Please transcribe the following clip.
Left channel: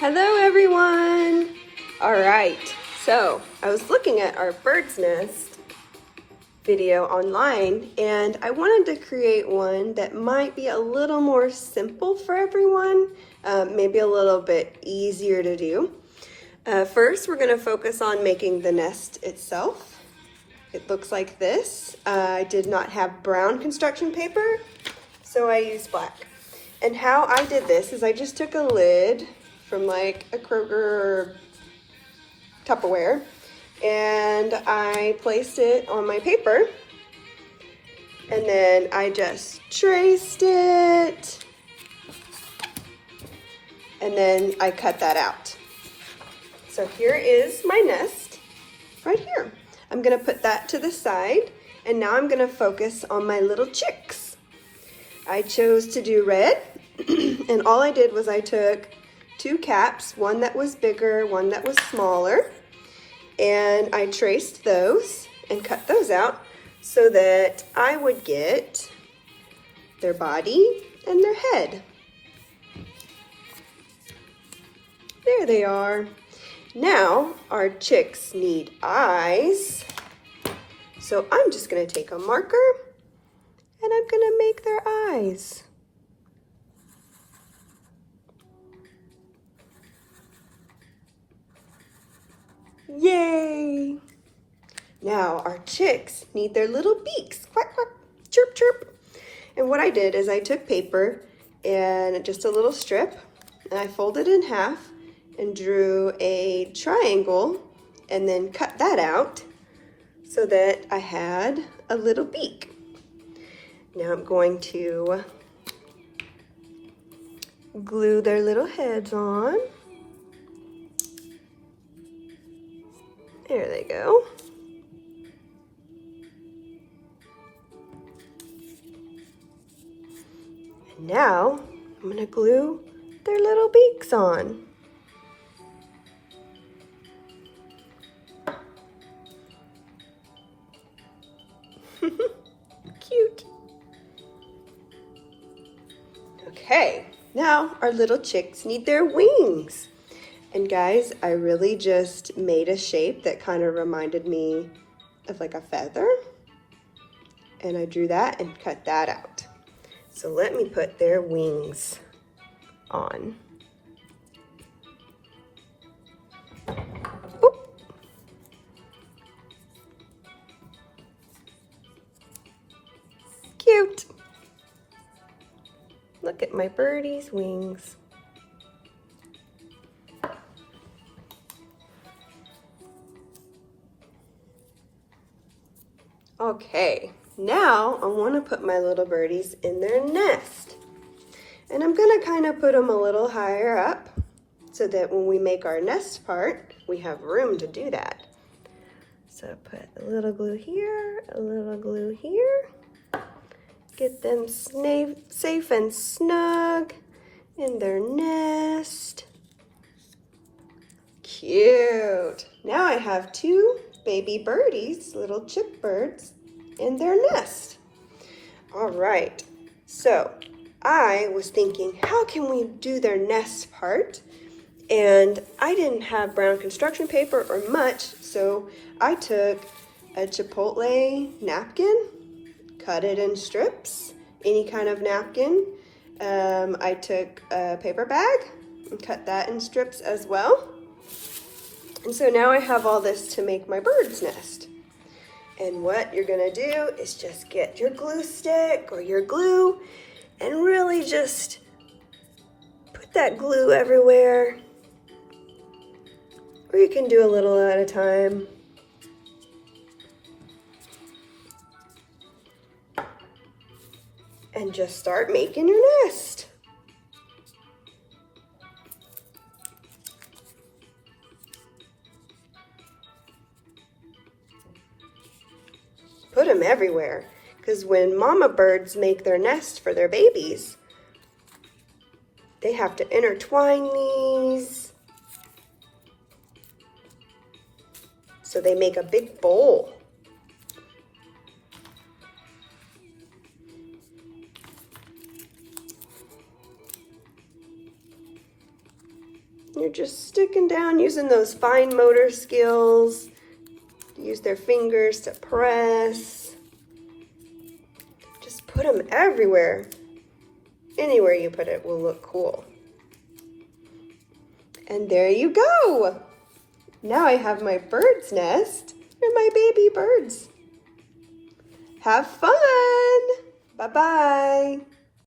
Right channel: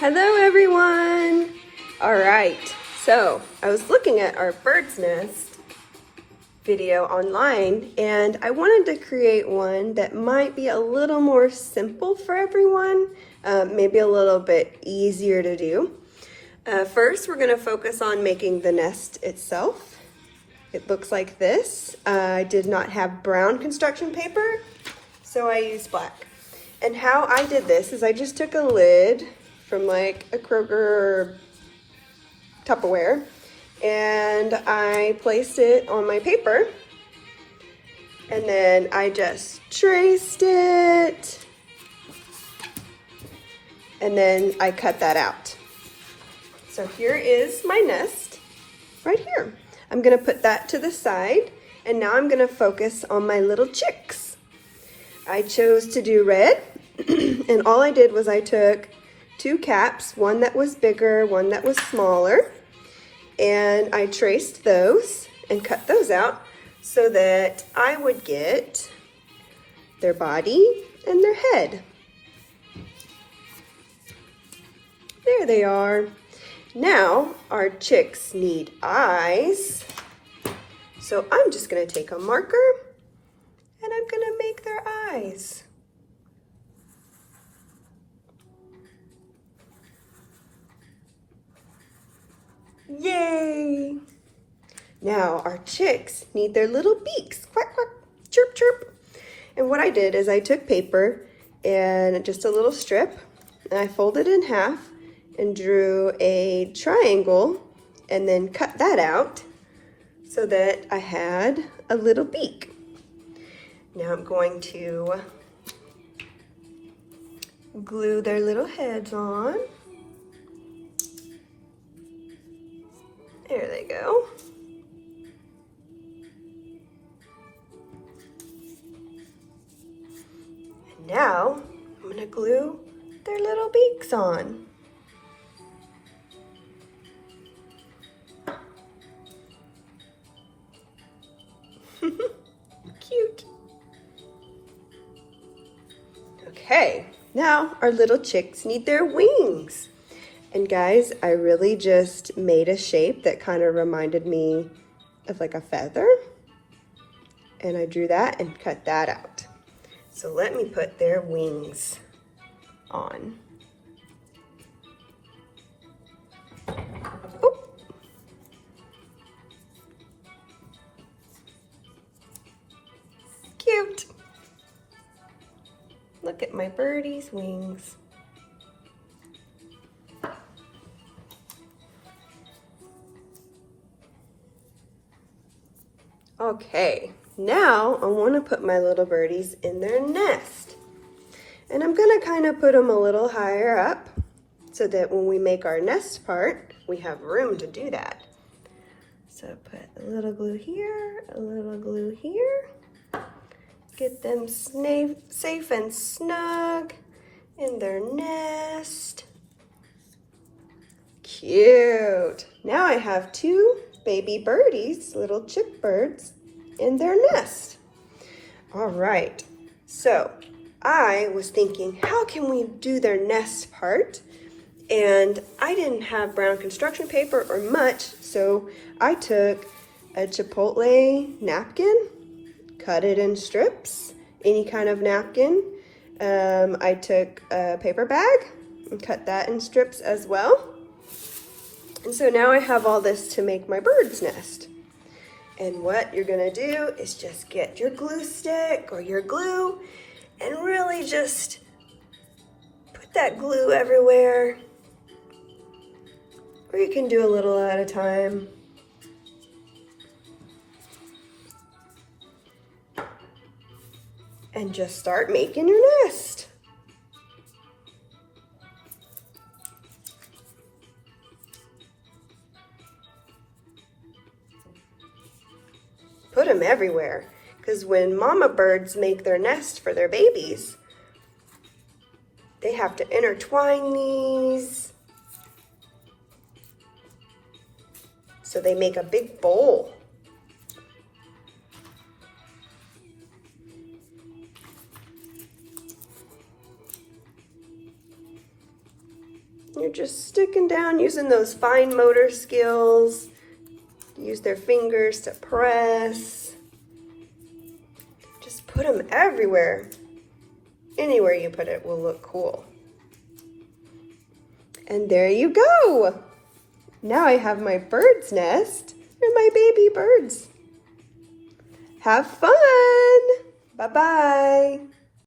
Hello everyone! Alright, so I was looking at our bird's nest video online and I wanted to create one that might be a little more simple for everyone, maybe a little bit easier to do. First, we're going to focus on making the nest itself. It looks like this. I did not have brown construction paper, so I used black. And how I did this is I just took a lid from like a Kroger or Tupperware and I placed it on my paper and then I just traced it and then I cut that out. So here is my nest right here. I'm gonna put that to the side and now I'm gonna focus on my little chicks. I chose to do red and all I did was I took two caps, one that was bigger, one that was smaller, and I traced those and cut those out so that I would get their body and their head. There they are. Now our chicks need eyes, so I'm just gonna take a marker and I'm gonna make their eyes. Yay! Now our chicks need their little beaks. Quack, quack, chirp, chirp. And what I did is I took paper and just a little strip and I folded it in half and drew a triangle and then cut that out so that I had a little beak. Now I'm going to glue their little heads on. There they go. And now I'm gonna glue their little beaks on. Cute. Okay, now our little chicks need their wings. And guys, I really just made a shape that kind of reminded me of like a feather. And I drew that and cut that out. So let me put their wings on. Boop. Cute. Look at my birdie's wings. Okay, now I want to put my little birdies in their nest. And I'm going to kind of put them a little higher up so that when we make our nest part, we have room to do that. So put a little glue here, a little glue here. Get them safe and snug in their nest. Cute. Now I have two baby birdies, little chick birds, in their nest. All right, so I was thinking, how can we do their nest part? And I didn't have brown construction paper or much, so I took a Chipotle napkin, cut it in strips, any kind of napkin. I took a paper bag and cut that in strips as well. And so now I have all this to make my bird's nest. And what you're gonna do is just get your glue stick or your glue and really just put that glue everywhere. Or you can do a little at a time. And just start making your nest. Put them everywhere, because when mama birds make their nest for their babies, they have to intertwine these. So they make a big bowl. You're just sticking down, using those fine motor skills. Use their fingers to press. Just put them everywhere. Anywhere you put it will look cool. And there you go. Now I have my bird's nest and my baby birds. Have fun. Bye-bye.